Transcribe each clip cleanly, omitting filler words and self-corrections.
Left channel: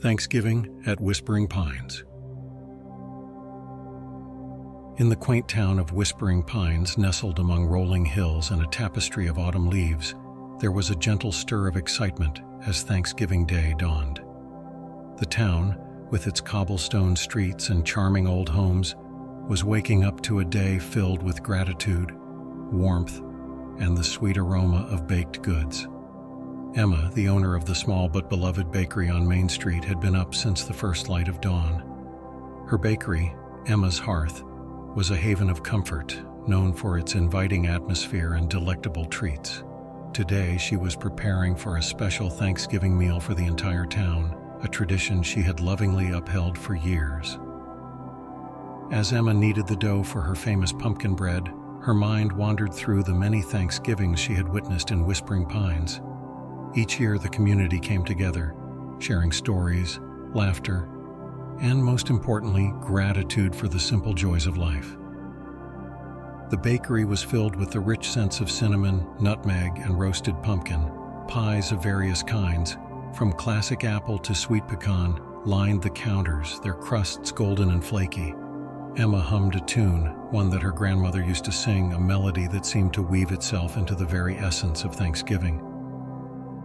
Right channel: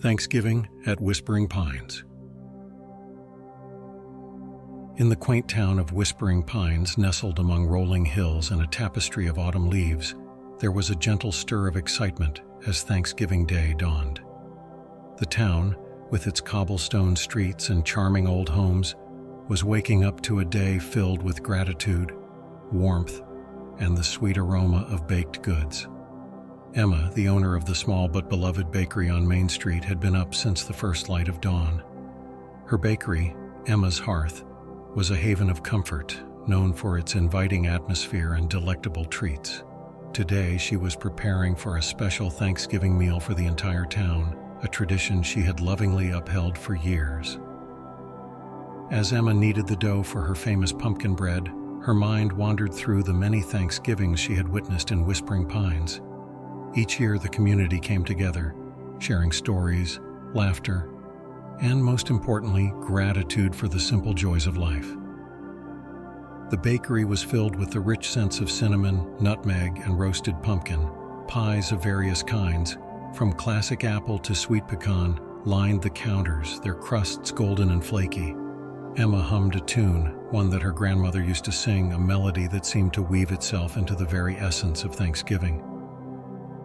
Thanksgiving at Whispering Pines. In the quaint town of Whispering Pines, nestled among rolling hills and a tapestry of autumn leaves, there was a gentle stir of excitement as Thanksgiving Day dawned. The town, with its cobblestone streets and charming old homes, was waking up to a day filled with gratitude, warmth, and the sweet aroma of baked goods. Emma, the owner of the small but beloved bakery on Main Street, had been up since the first light of dawn. Her bakery, Emma's Hearth, was a haven of comfort, known for its inviting atmosphere and delectable treats. Today, she was preparing for a special Thanksgiving meal for the entire town, a tradition she had lovingly upheld for years. As Emma kneaded the dough for her famous pumpkin bread, her mind wandered through the many Thanksgivings she had witnessed in Whispering Pines. Each year, the community came together, sharing stories, laughter, and most importantly, gratitude for the simple joys of life. The bakery was filled with the rich scents of cinnamon, nutmeg, and roasted pumpkin. Pies of various kinds, from classic apple to sweet pecan, lined the counters, their crusts golden and flaky. Emma hummed a tune, one that her grandmother used to sing, a melody that seemed to weave itself into the very essence of Thanksgiving.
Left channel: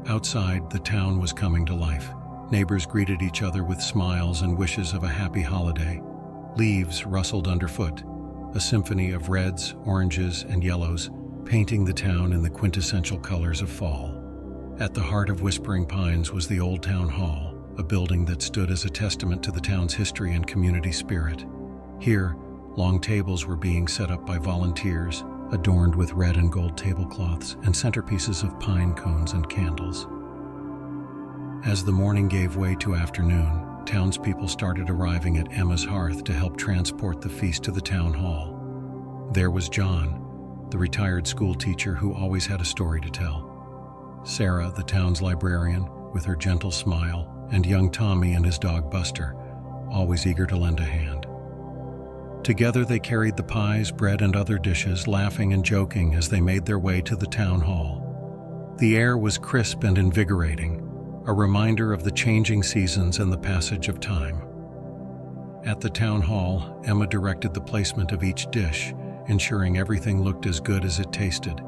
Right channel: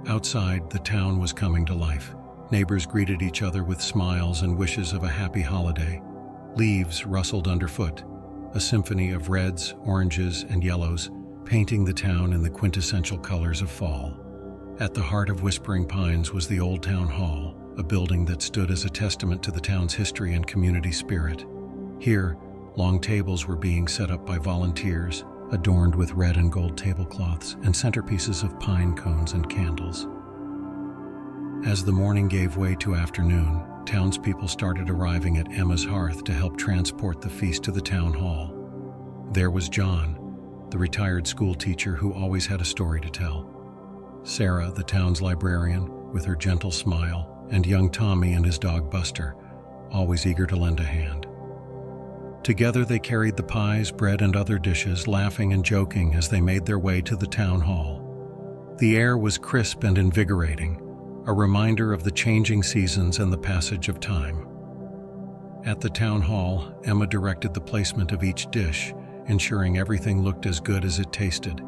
Outside, the town was coming to life. Neighbors greeted each other with smiles and wishes of a happy holiday. Leaves rustled underfoot, a symphony of reds, oranges, and yellows, painting the town in the quintessential colors of fall. At the heart of Whispering Pines was the Old Town Hall, a building that stood as a testament to the town's history and community spirit. Here, long tables were being set up by volunteers, adorned with red and gold tablecloths and centerpieces of pine cones and candles. As the morning gave way to afternoon, townspeople started arriving at Emma's Hearth to help transport the feast to the town hall. There was John, the retired school teacher who always had a story to tell. Sarah, the town's librarian, with her gentle smile, and young Tommy and his dog Buster, always eager to lend a hand. Together they carried the pies, bread, and other dishes, laughing and joking as they made their way to the town hall. The air was crisp and invigorating, a reminder of the changing seasons and the passage of time. At the town hall, Emma directed the placement of each dish, ensuring everything looked as good as it tasted.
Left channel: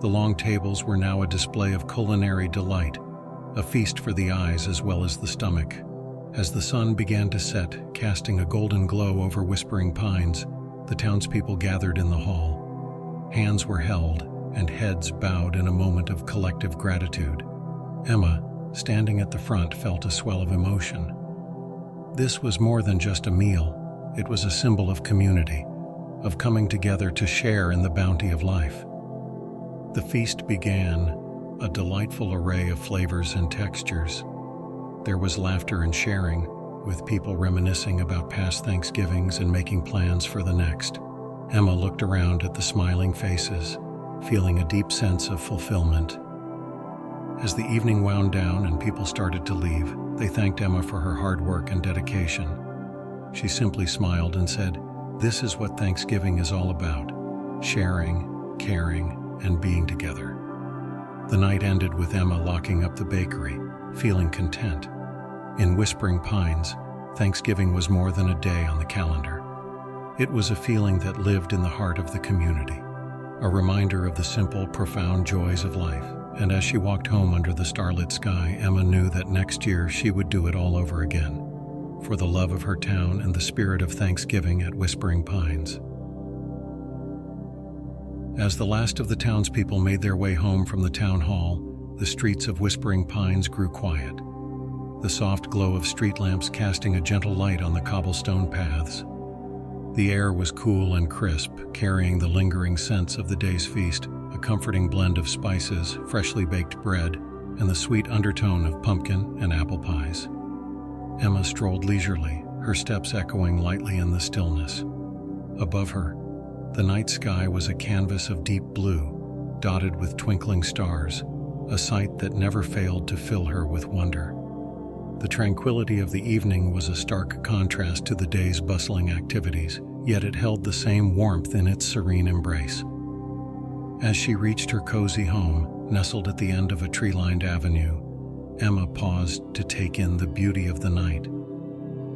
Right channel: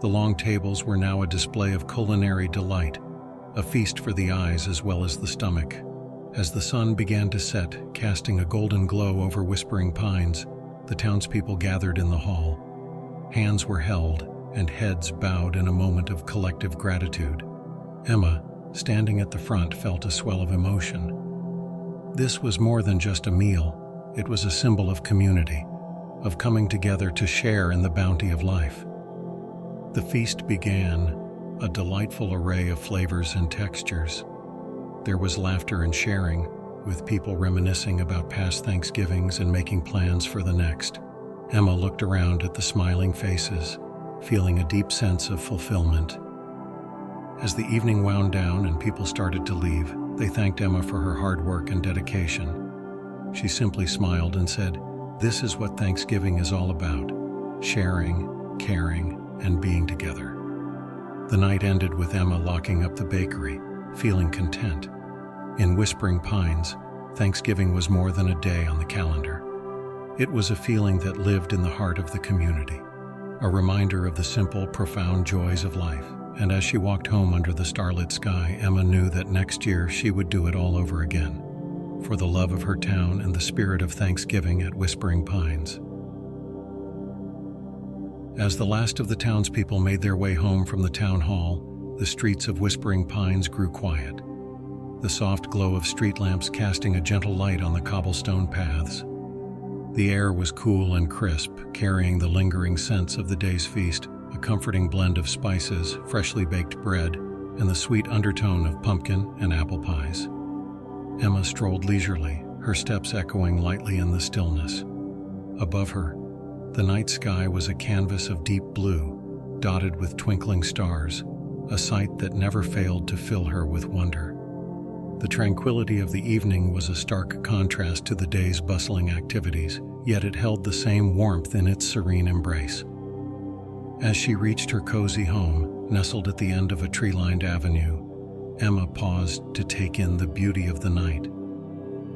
The long tables were now a display of culinary delight, a feast for the eyes as well as the stomach. As the sun began to set, casting a golden glow over Whispering Pines, the townspeople gathered in the hall. Hands were held, and heads bowed in a moment of collective gratitude. Emma, standing at the front, felt a swell of emotion. This was more than just a meal. It was a symbol of community, of coming together to share in the bounty of life. The feast began, a delightful array of flavors and textures. There was laughter and sharing, with people reminiscing about past Thanksgivings and making plans for the next. Emma looked around at the smiling faces, feeling a deep sense of fulfillment. As the evening wound down and people started to leave, they thanked Emma for her hard work and dedication. She simply smiled and said, "This is what Thanksgiving is all about: sharing, caring, and being together." The night ended with Emma locking up the bakery, feeling content. In Whispering Pines, Thanksgiving was more than a day on the calendar. It was a feeling that lived in the heart of the community, a reminder of the simple, profound joys of life. And as she walked home under the starlit sky, Emma knew that next year she would do it all over again, for the love of her town and the spirit of Thanksgiving at Whispering Pines. As the last of the townspeople made their way home from the town hall, the streets of Whispering Pines grew quiet, the soft glow of street lamps casting a gentle light on the cobblestone paths. The air was cool and crisp, carrying the lingering scents of the day's feast, a comforting blend of spices, freshly baked bread, and the sweet undertone of pumpkin and apple pies. Emma strolled leisurely, her steps echoing lightly in the stillness. Above her, the night sky was a canvas of deep blue, dotted with twinkling stars, a sight that never failed to fill her with wonder. The tranquility of the evening was a stark contrast to the day's bustling activities, yet it held the same warmth in its serene embrace. As she reached her cozy home, nestled at the end of a tree-lined avenue, Emma paused to take in the beauty of the night.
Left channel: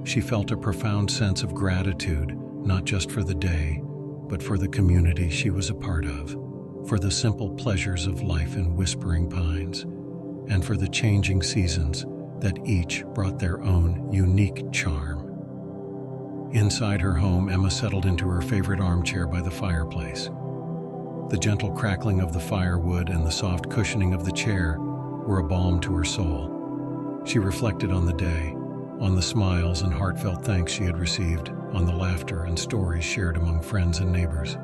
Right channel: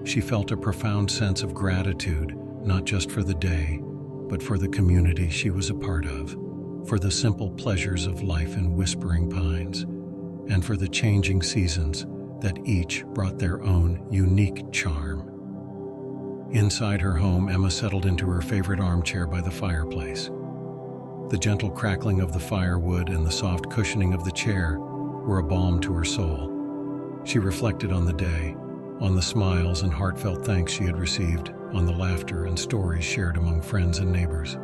She felt a profound sense of gratitude, not just for the day, but for the community she was a part of, for the simple pleasures of life in Whispering Pines, and for the changing seasons that each brought their own unique charm. Inside her home, Emma settled into her favorite armchair by the fireplace. The gentle crackling of the firewood and the soft cushioning of the chair were a balm to her soul. She reflected on the day, on the smiles and heartfelt thanks she had received, on the laughter and stories shared among friends and neighbors.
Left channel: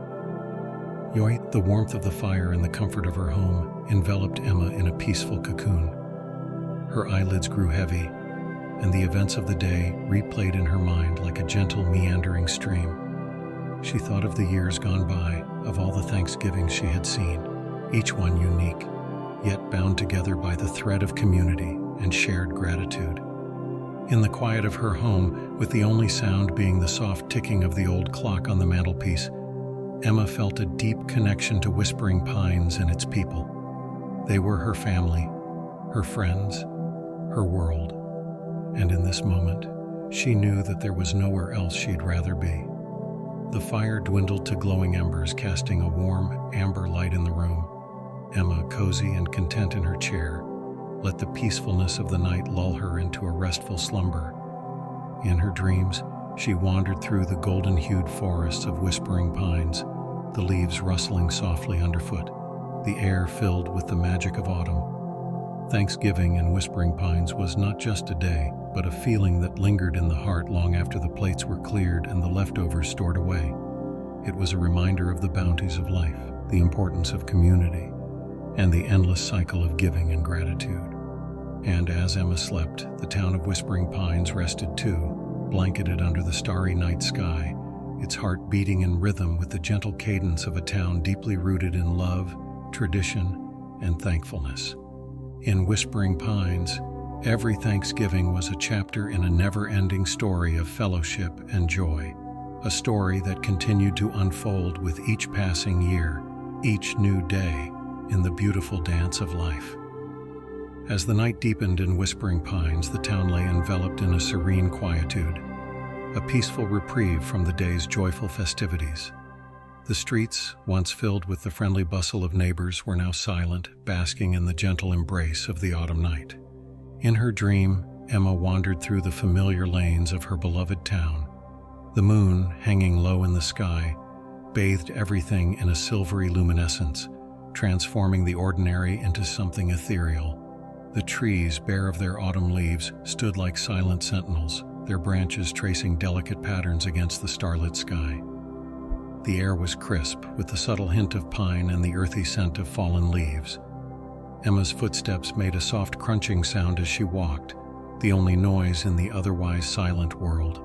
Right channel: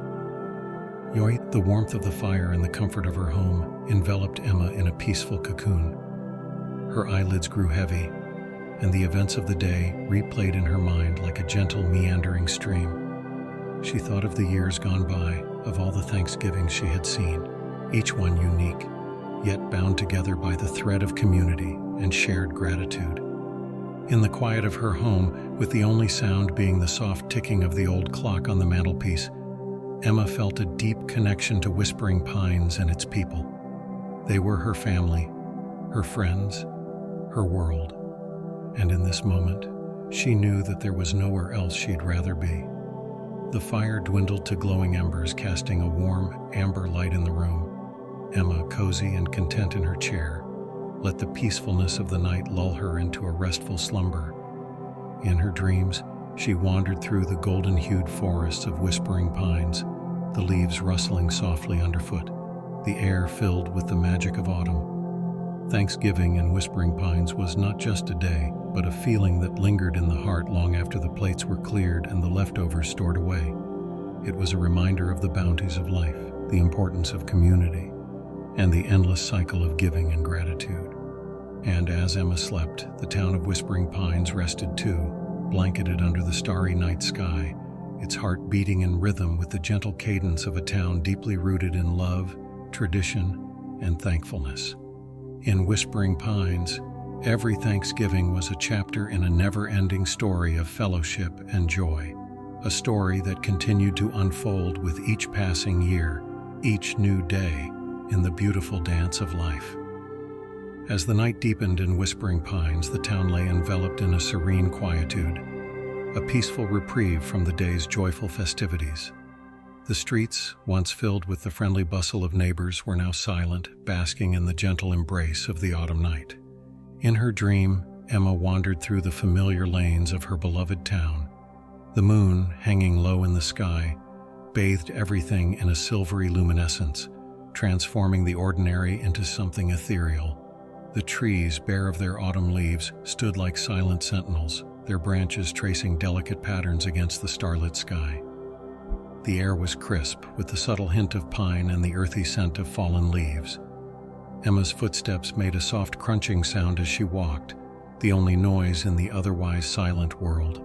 The warmth of the fire and the comfort of her home enveloped Emma in a peaceful cocoon. Her eyelids grew heavy, and the events of the day replayed in her mind like a gentle, meandering stream. She thought of the years gone by, of all the Thanksgivings she had seen, each one unique, yet bound together by the thread of community and shared gratitude. In the quiet of her home, with the only sound being the soft ticking of the old clock on the mantelpiece, Emma felt a deep connection to Whispering Pines and its people. They were her family, her friends, her world. And in this moment, she knew that there was nowhere else she'd rather be. The fire dwindled to glowing embers, casting a warm, amber light in the room. Emma, cozy and content in her chair, let the peacefulness of the night lull her into a restful slumber. In her dreams, she wandered through the golden-hued forests of Whispering Pines, the leaves rustling softly underfoot, the air filled with the magic of autumn. Thanksgiving in Whispering Pines was not just a day, but a feeling that lingered in the heart long after the plates were cleared and the leftovers stored away. It was a reminder of the bounties of life, the importance of community, and the endless cycle of giving and gratitude. And as Emma slept, the town of Whispering Pines rested too, blanketed under the starry night sky, its heart beating in rhythm with the gentle cadence of a town deeply rooted in love, tradition, and thankfulness. In Whispering Pines, every Thanksgiving was a chapter in a never-ending story of fellowship and joy, a story that continued to unfold with each passing year, each new day, in the beautiful dance of life. As the night deepened in Whispering Pines, the town lay enveloped in a serene quietude, a peaceful reprieve from the day's joyful festivities. The streets, once filled with the friendly bustle of neighbors, were now silent, basking in the gentle embrace of the autumn night. In her dream, Emma wandered through the familiar lanes of her beloved town. The moon, hanging low in the sky, bathed everything in a silvery luminescence, transforming the ordinary into something ethereal. The trees, bare of their autumn leaves, stood like silent sentinels, their branches tracing delicate patterns against the starlit sky. The air was crisp, with the subtle hint of pine and the earthy scent of fallen leaves. Emma's footsteps made a soft crunching sound as she walked, the only noise in the otherwise silent world.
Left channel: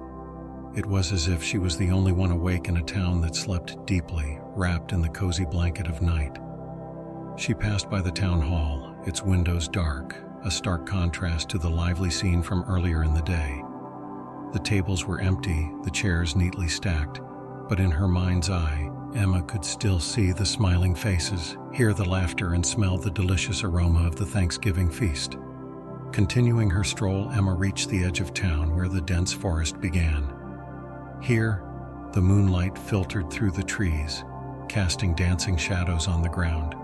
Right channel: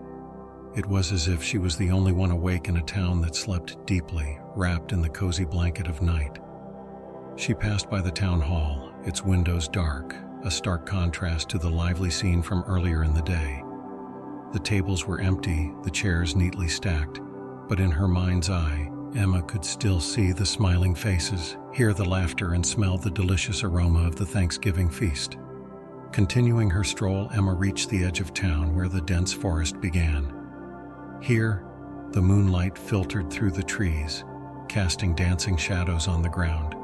It was as if she was the only one awake in a town that slept deeply, wrapped in the cozy blanket of night. She passed by the town hall, its windows dark, a stark contrast to the lively scene from earlier in the day. The tables were empty, the chairs neatly stacked, but in her mind's eye, Emma could still see the smiling faces, hear the laughter, and smell the delicious aroma of the Thanksgiving feast. Continuing her stroll, Emma reached the edge of town where the dense forest began. Here, the moonlight filtered through the trees, casting dancing shadows on the ground.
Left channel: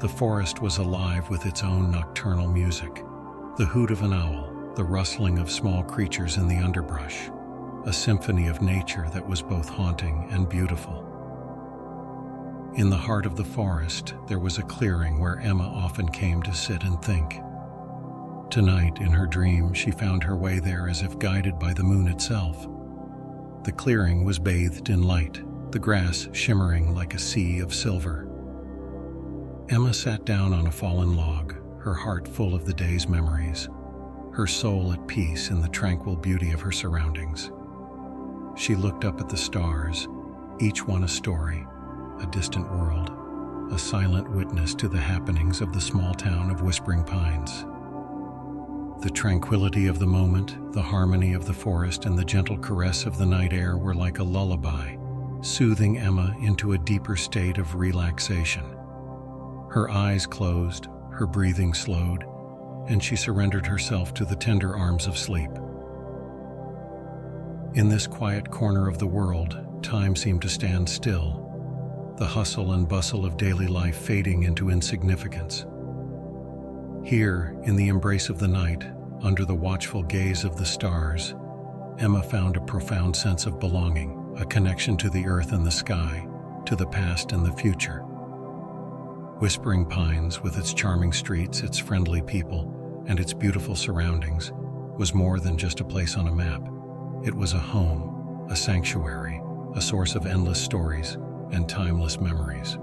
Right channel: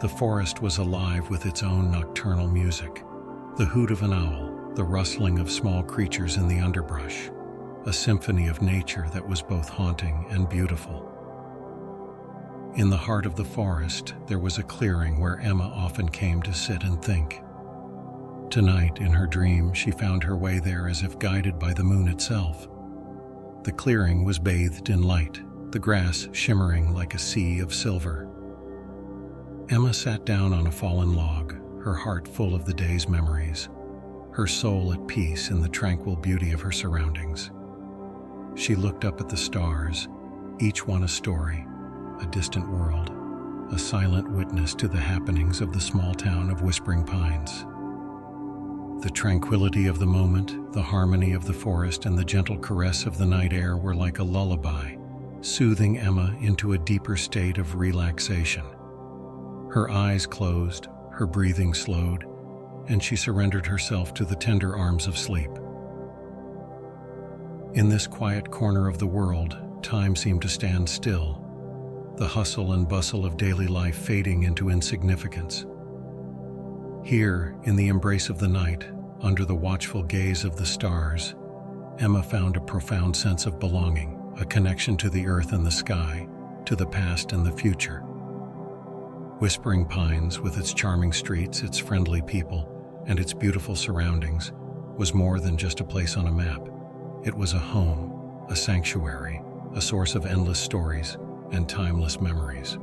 The forest was alive with its own nocturnal music, the hoot of an owl, the rustling of small creatures in the underbrush, a symphony of nature that was both haunting and beautiful. In the heart of the forest, there was a clearing where Emma often came to sit and think. Tonight, in her dream, she found her way there as if guided by the moon itself. The clearing was bathed in light, the grass shimmering like a sea of silver. Emma sat down on a fallen log, her heart full of the day's memories, her soul at peace in the tranquil beauty of her surroundings. She looked up at the stars, each one a story, a distant world, a silent witness to the happenings of the small town of Whispering Pines. The tranquility of the moment, the harmony of the forest, and the gentle caress of the night air were like a lullaby, soothing Emma into a deeper state of relaxation. Her eyes closed, her breathing slowed, and she surrendered herself to the tender arms of sleep. In this quiet corner of the world, time seemed to stand still, the hustle and bustle of daily life fading into insignificance. Here, in the embrace of the night, under the watchful gaze of the stars, Emma found a profound sense of belonging, a connection to the earth and the sky, to the past and the future. Whispering Pines, with its charming streets, its friendly people, and its beautiful surroundings, was more than just a place on a map. It was a home, a sanctuary, a source of endless stories and timeless memories.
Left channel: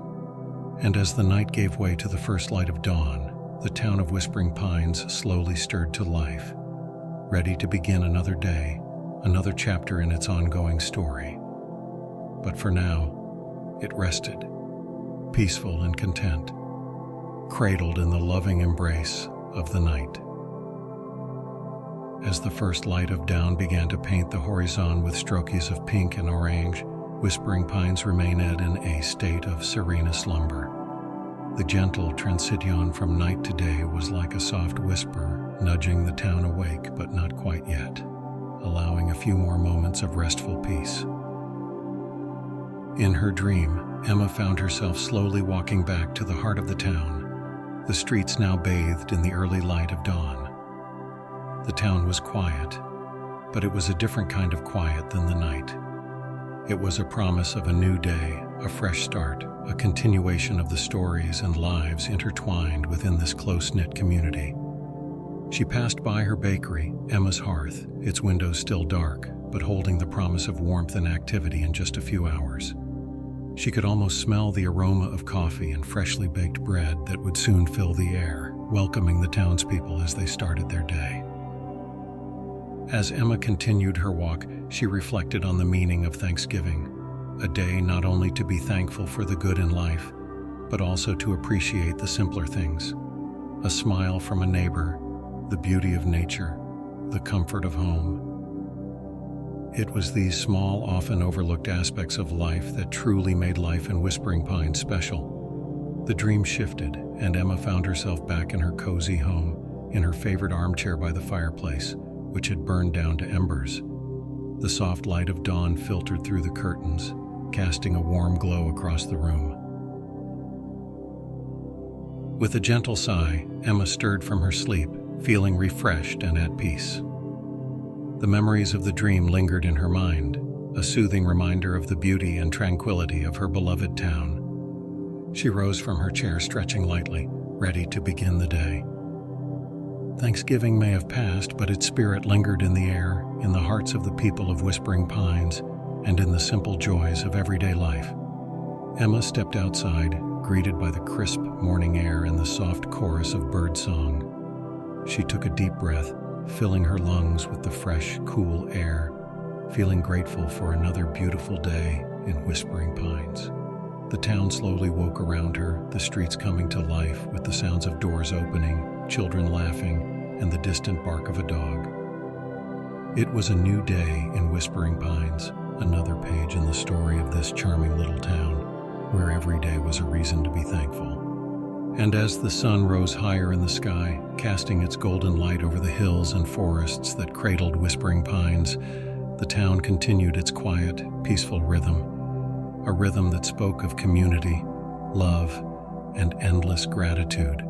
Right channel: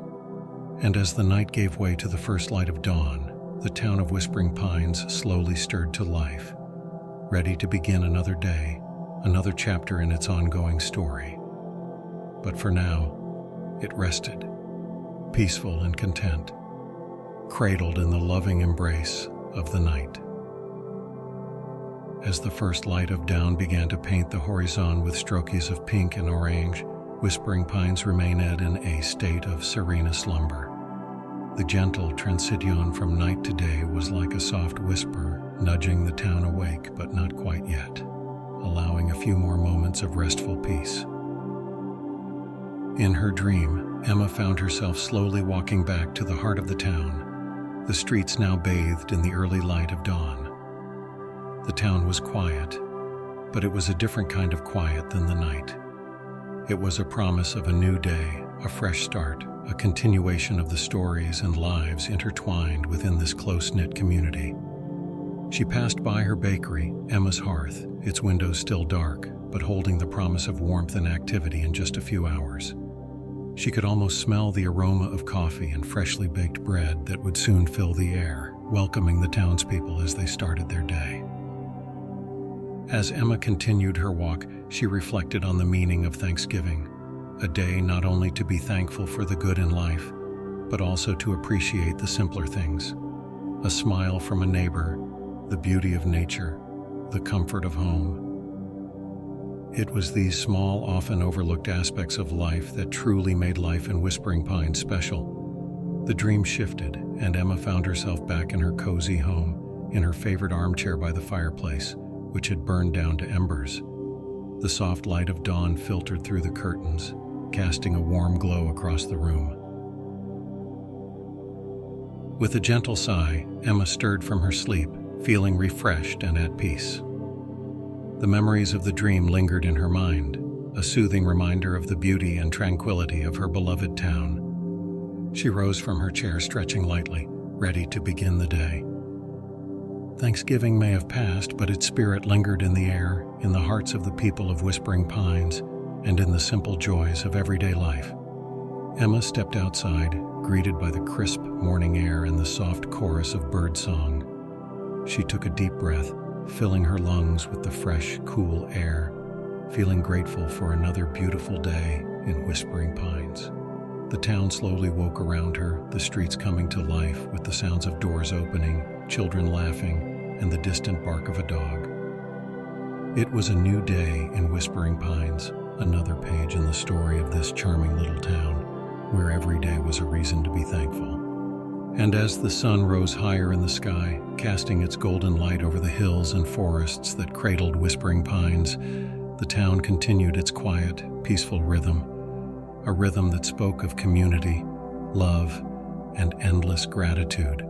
And as the night gave way to the first light of dawn, the town of Whispering Pines slowly stirred to life, ready to begin another day, another chapter in its ongoing story. But for now, it rested, peaceful and content, cradled in the loving embrace of the night. As the first light of dawn began to paint the horizon with strokes of pink and orange, Whispering Pines remained in a state of serene slumber. The gentle transition from night to day was like a soft whisper, nudging the town awake, but not quite yet, allowing a few more moments of restful peace. In her dream, Emma found herself slowly walking back to the heart of the town, the streets now bathed in the early light of dawn. The town was quiet, but it was a different kind of quiet than the night. It was a promise of a new day, a fresh start, a continuation of the stories and lives intertwined within this close-knit community. She passed by her bakery, Emma's Hearth, its windows still dark, but holding the promise of warmth and activity in just a few hours. She could almost smell the aroma of coffee and freshly baked bread that would soon fill the air, welcoming the townspeople as they started their day. As Emma continued her walk, she reflected on the meaning of Thanksgiving, a day not only to be thankful for the good in life, but also to appreciate the simpler things. A smile from a neighbor, the beauty of nature, the comfort of home. It was these small, often overlooked aspects of life that truly made life in Whispering Pines special. The dream shifted, and Emma found herself back in her cozy home, in her favorite armchair by the fireplace, which had burned down to embers. The soft light of dawn filtered through the curtains, casting a warm glow across the room. With a gentle sigh, Emma stirred from her sleep, feeling refreshed and at peace. The memories of the dream lingered in her mind, a soothing reminder of the beauty and tranquility of her beloved town. She rose from her chair, stretching lightly, ready to begin the day. Thanksgiving may have passed, but its spirit lingered in the air, in the hearts of the people of Whispering Pines, and in the simple joys of everyday life. Emma stepped outside, greeted by the crisp morning air and the soft chorus of birdsong. She took a deep breath, filling her lungs with the fresh, cool air, feeling grateful for another beautiful day in Whispering Pines. The town slowly woke around her, the streets coming to life with the sounds of doors opening, children laughing, and the distant bark of a dog. It was a new day in Whispering Pines, another page in the story of this charming little town, where every day was a reason to be thankful. And as the sun rose higher in the sky, casting its golden light over the hills and forests that cradled Whispering Pines, the town continued its quiet, peaceful rhythm, a rhythm that spoke of community, love, and endless gratitude.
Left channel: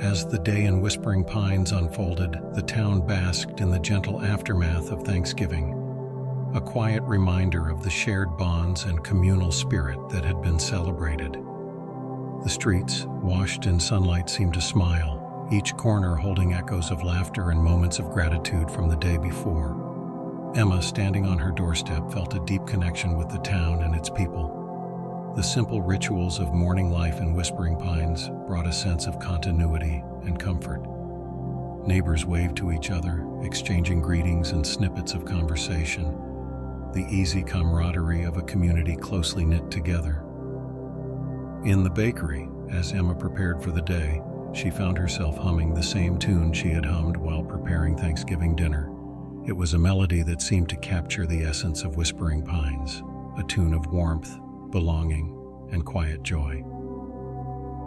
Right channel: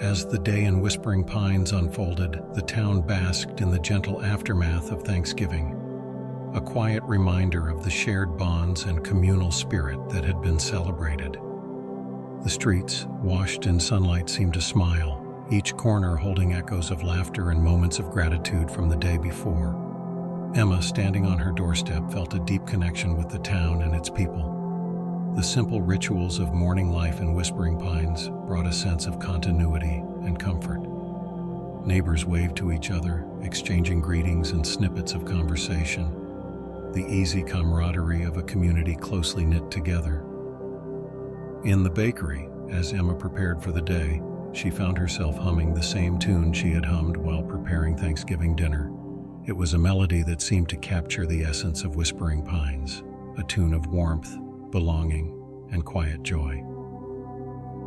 As the day in Whispering Pines unfolded, the town basked in the gentle aftermath of Thanksgiving, a quiet reminder of the shared bonds and communal spirit that had been celebrated. The streets, washed in sunlight, seemed to smile, each corner holding echoes of laughter and moments of gratitude from the day before. Emma, standing on her doorstep, felt a deep connection with the town and its people. The simple rituals of morning life in Whispering Pines brought a sense of continuity and comfort. Neighbors waved to each other, exchanging greetings and snippets of conversation, the easy camaraderie of a community closely knit together. In the bakery, as Emma prepared for the day, she found herself humming the same tune she had hummed while preparing Thanksgiving dinner. It was a melody that seemed to capture the essence of Whispering Pines, a tune of warmth, belonging, and quiet joy.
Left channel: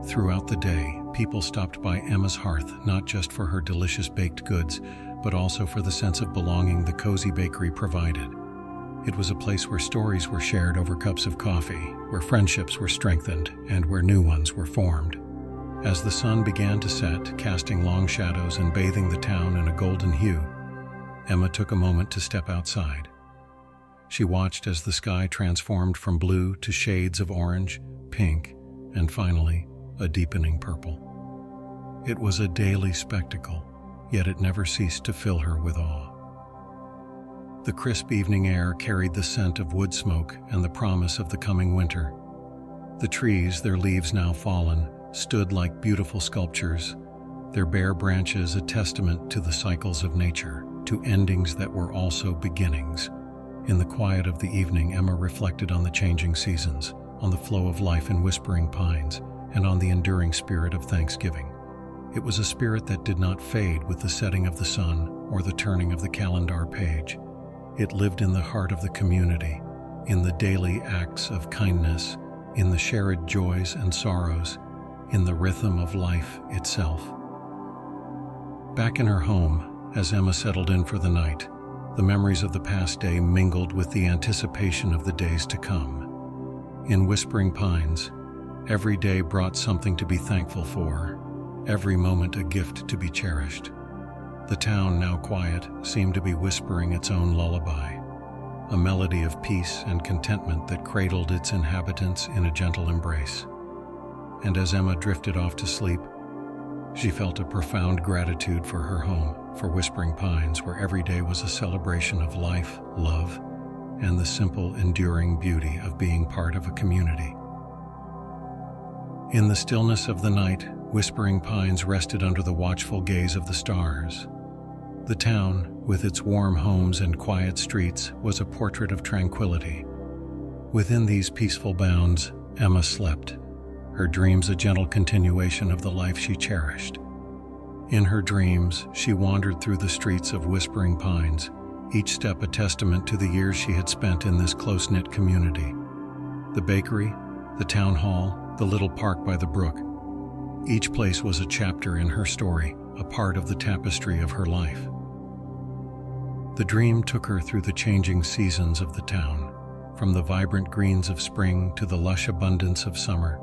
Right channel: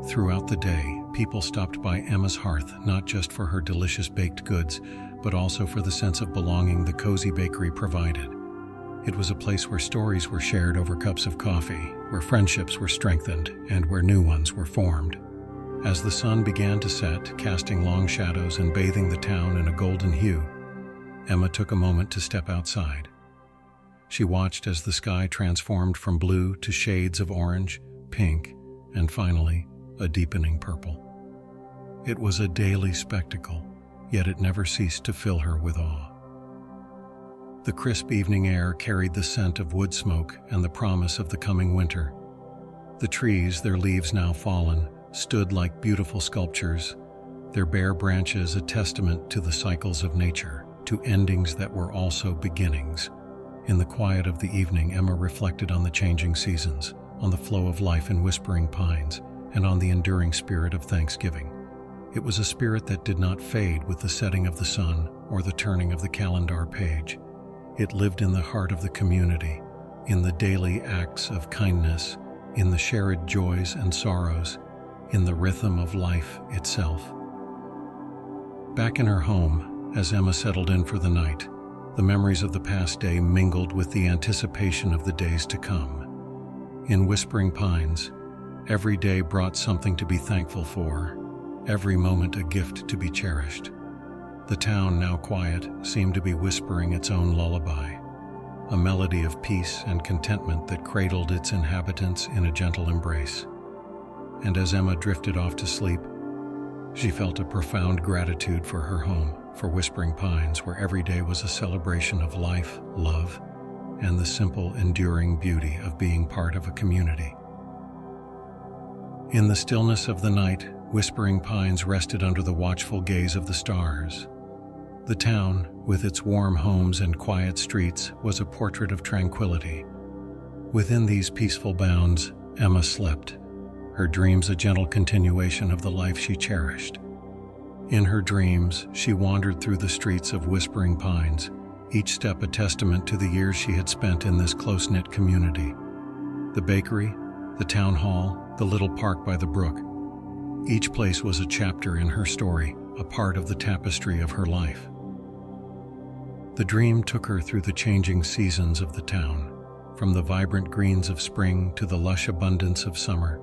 Throughout the day, people stopped by Emma's hearth not just for her delicious baked goods, but also for the sense of belonging the cozy bakery provided. It was a place where stories were shared over cups of coffee, where friendships were strengthened, and where new ones were formed. As the sun began to set, casting long shadows and bathing the town in a golden hue, Emma took a moment to step outside. She watched as the sky transformed from blue to shades of orange, pink, and finally, a deepening purple. It was a daily spectacle, yet it never ceased to fill her with awe. The crisp evening air carried the scent of wood smoke and the promise of the coming winter. The trees, their leaves now fallen, stood like beautiful sculptures, their bare branches a testament to the cycles of nature, to endings that were also beginnings. In the quiet of the evening, Emma reflected on the changing seasons, on the flow of life in whispering pines, and on the enduring spirit of Thanksgiving. It was a spirit that did not fade with the setting of the sun or the turning of the calendar page. It lived in the heart of the community, in the daily acts of kindness, in the shared joys and sorrows, in the rhythm of life itself. Back in her home, as Emma settled in for the night, the memories of the past day mingled with the anticipation of the days to come. In Whispering Pines, every day brought something to be thankful for, every moment a gift to be cherished. The town, now quiet, seemed to be whispering its own lullaby, a melody of peace and contentment that cradled its inhabitants in a gentle embrace. And as Emma drifted off to sleep, she felt a profound gratitude for her home, for Whispering Pines, where every day was a celebration of life, love, and the simple, enduring beauty of being part of a community. In the stillness of the night, Whispering Pines rested under the watchful gaze of the stars. The town, with its warm homes and quiet streets, was a portrait of tranquility. Within these peaceful bounds, Emma slept, her dreams a gentle continuation of the life she cherished. In her dreams, she wandered through the streets of Whispering Pines, each step a testament to the years she had spent in this close-knit community. The bakery, the town hall, the little park by the brook. Each place was a chapter in her story, a part of the tapestry of her life. The dream took her through the changing seasons of the town, from the vibrant greens of spring to the lush abundance of summer,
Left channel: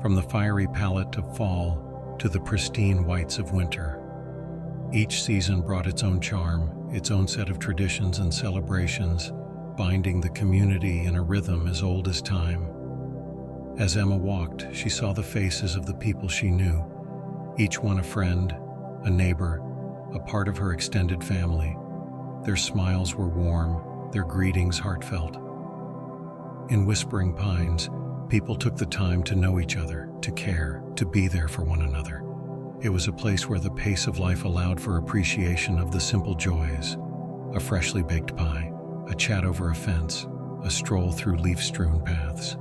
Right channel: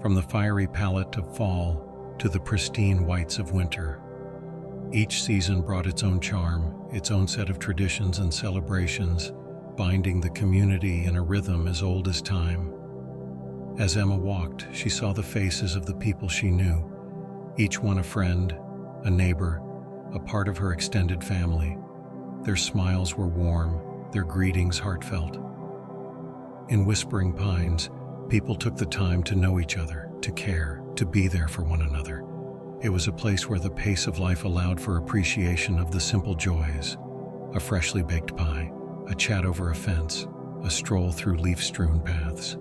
from the fiery palette of fall to the pristine whites of winter. Each season brought its own charm, its own set of traditions and celebrations, binding the community in a rhythm as old as time. As Emma walked, she saw the faces of the people she knew, each one a friend, a neighbor, a part of her extended family. Their smiles were warm, their greetings heartfelt. In Whispering Pines, people took the time to know each other, to care, to be there for one another. It was a place where the pace of life allowed for appreciation of the simple joys: a freshly baked pie, a chat over a fence, a stroll through leaf-strewn paths.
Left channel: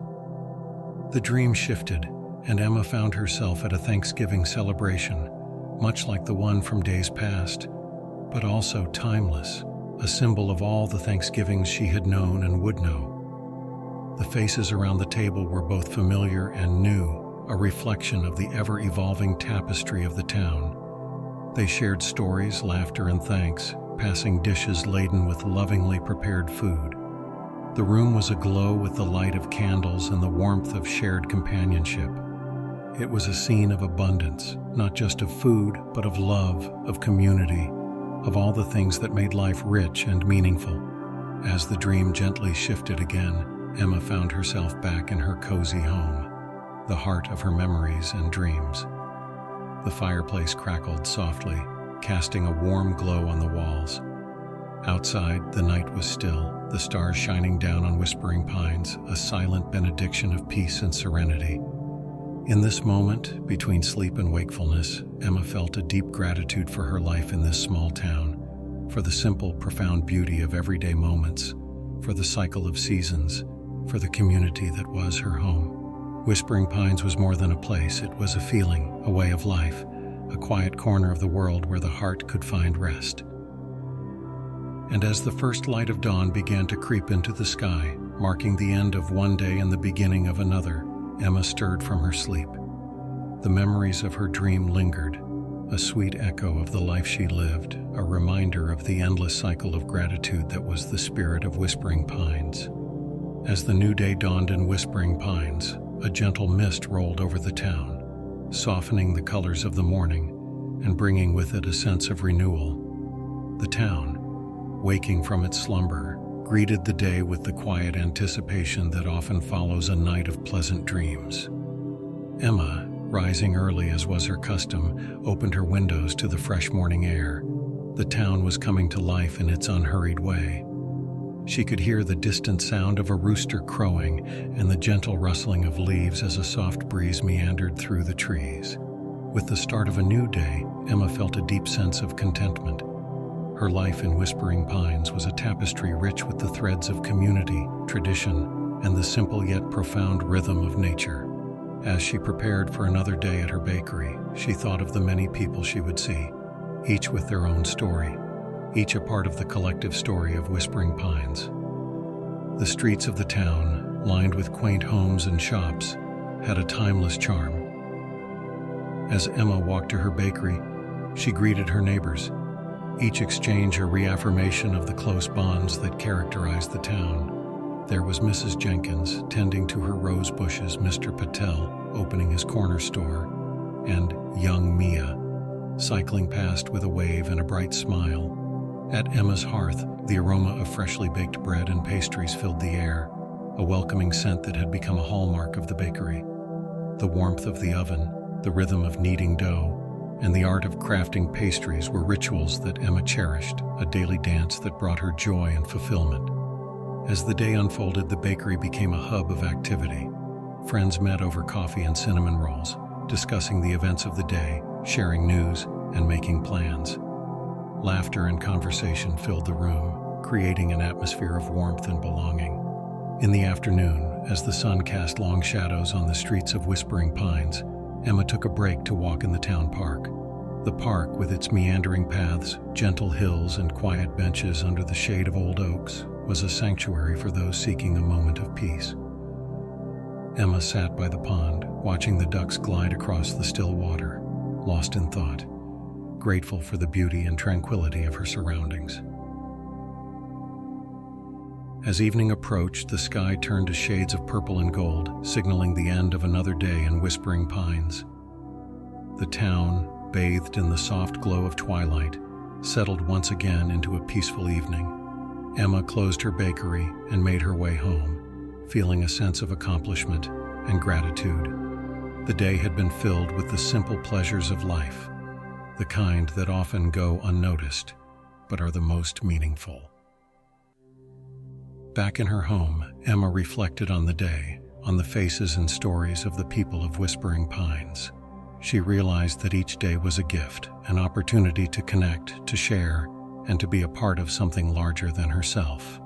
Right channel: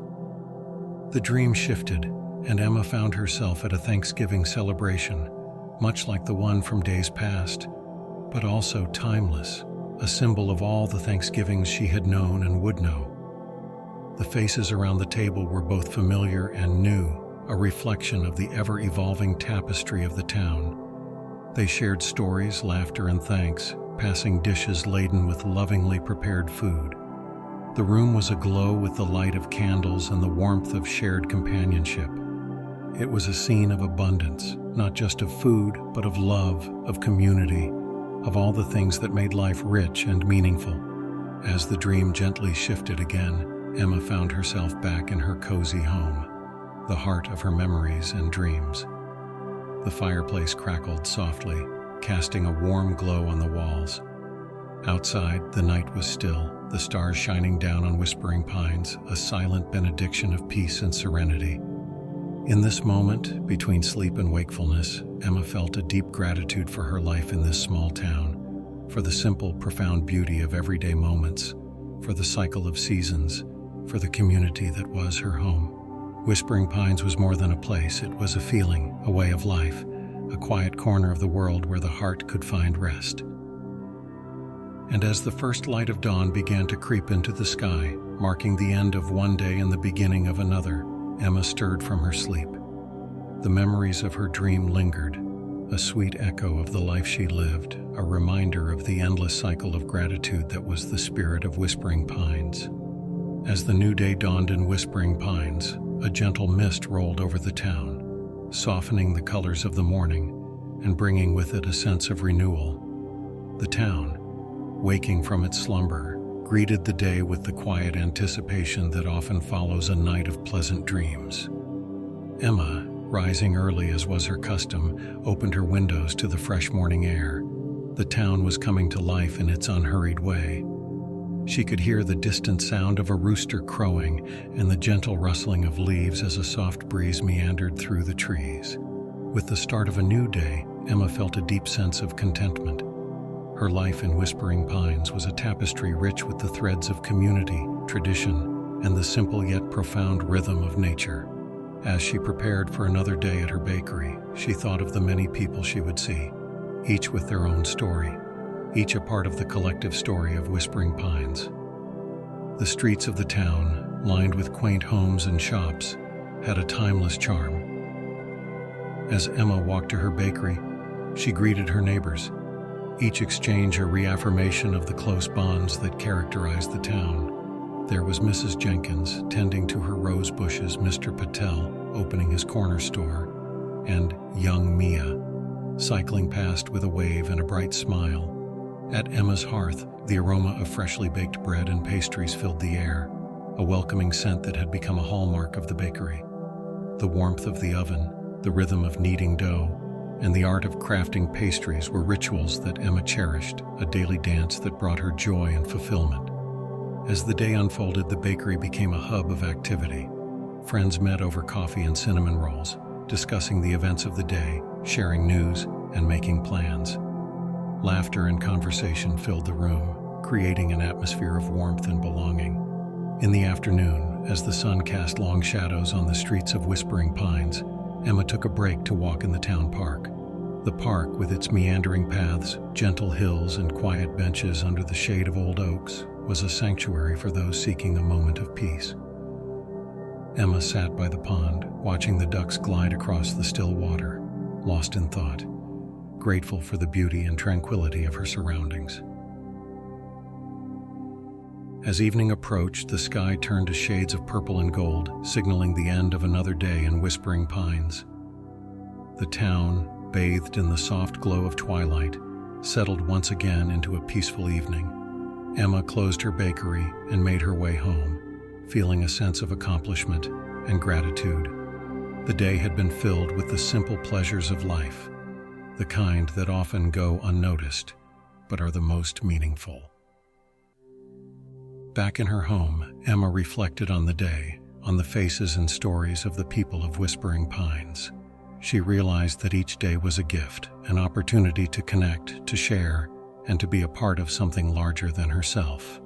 The dream shifted, and Emma found herself at a Thanksgiving celebration, much like the one from days past, but also timeless, a symbol of all the Thanksgivings she had known and would know. The faces around the table were both familiar and new, a reflection of the ever-evolving tapestry of the town. They shared stories, laughter, and thanks, passing dishes laden with lovingly prepared food. The room was aglow with the light of candles and the warmth of shared companionship. It was a scene of abundance, not just of food, but of love, of community, of all the things that made life rich and meaningful. As the dream gently shifted again, Emma found herself back in her cozy home, the heart of her memories and dreams. The fireplace crackled softly, casting a warm glow on the walls. Outside, the night was still, the stars shining down on Whispering Pines, a silent benediction of peace and serenity. In this moment, between sleep and wakefulness, Emma felt a deep gratitude for her life in this small town, for the simple, profound beauty of everyday moments, for the cycle of seasons, for the community that was her home. Whispering Pines was more than a place, it was a feeling, a way of life, a quiet corner of the world where the heart could find rest. And as the first light of dawn began to creep into the sky, marking the end of one day and the beginning of another, Emma stirred from her sleep. The memories of her dream lingered, a sweet echo of the life she lived, a reminder of the endless cycle of gratitude that was the spirit of Whispering Pines. As the new day dawned in Whispering Pines, a gentle mist rolled over the town, softening the colors of the morning and bringing with it a sense of renewal. The town, waking from its slumber, greeted the day with the quiet anticipation that often follows a night of pleasant dreams. Emma, rising early as was her custom, opened her windows to the fresh morning air. The town was coming to life in its unhurried way. She could hear the distant sound of a rooster crowing and the gentle rustling of leaves as a soft breeze meandered through the trees. With the start of a new day, Emma felt a deep sense of contentment. Her life in Whispering Pines was a tapestry rich with the threads of community, tradition, and the simple yet profound rhythm of nature. As she prepared for another day at her bakery, she thought of the many people she would see, each with their own story, each a part of the collective story of Whispering Pines. The streets of the town, lined with quaint homes and shops, had a timeless charm. As Emma walked to her bakery, she greeted her neighbors, each exchange a reaffirmation of the close bonds that characterized the town. There was Mrs. Jenkins tending to her rose bushes, Mr. Patel opening his corner store, and young Mia cycling past with a wave and a bright smile. At Emma's hearth, the aroma of freshly baked bread and pastries filled the air, a welcoming scent that had become a hallmark of the bakery. The warmth of the oven, the rhythm of kneading dough, and the art of crafting pastries were rituals that Emma cherished, a daily dance that brought her joy and fulfillment. As the day unfolded, the bakery became a hub of activity. Friends met over coffee and cinnamon rolls, discussing the events of the day, sharing news, and making plans. Laughter and conversation filled the room, creating an atmosphere of warmth and belonging. In the afternoon, as the sun cast long shadows on the streets of Whispering Pines, Emma took a break to walk in the town park. The park, with its meandering paths, gentle hills, and quiet benches under the shade of old oaks, was a sanctuary for those seeking a moment of peace. Emma sat by the pond, watching the ducks glide across the still water, lost in thought, grateful for the beauty and tranquility of her surroundings. As evening approached, the sky turned to shades of purple and gold, signaling the end of another day in Whispering Pines. The town, bathed in the soft glow of twilight, settled once again into a peaceful evening. Emma closed her bakery and made her way home, feeling a sense of accomplishment and gratitude. The day had been filled with the simple pleasures of life, the kind that often go unnoticed, but are the most meaningful. Back in her home, Emma reflected on the day, on the faces and stories of the people of Whispering Pines. She realized that each day was a gift, an opportunity to connect, to share, and to be a part of something larger than herself.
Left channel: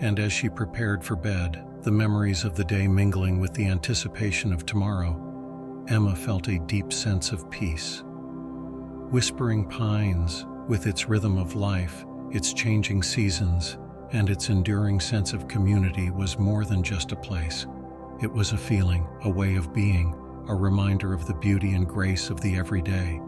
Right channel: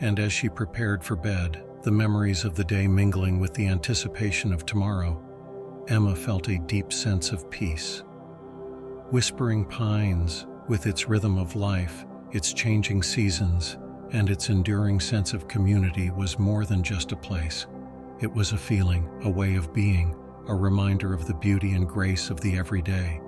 And as she prepared for bed, the memories of the day mingling with the anticipation of tomorrow, Emma felt a deep sense of peace. Whispering Pines, with its rhythm of life, its changing seasons, and its enduring sense of community, was more than just a place. It was a feeling, a way of being, a reminder of the beauty and grace of the everyday.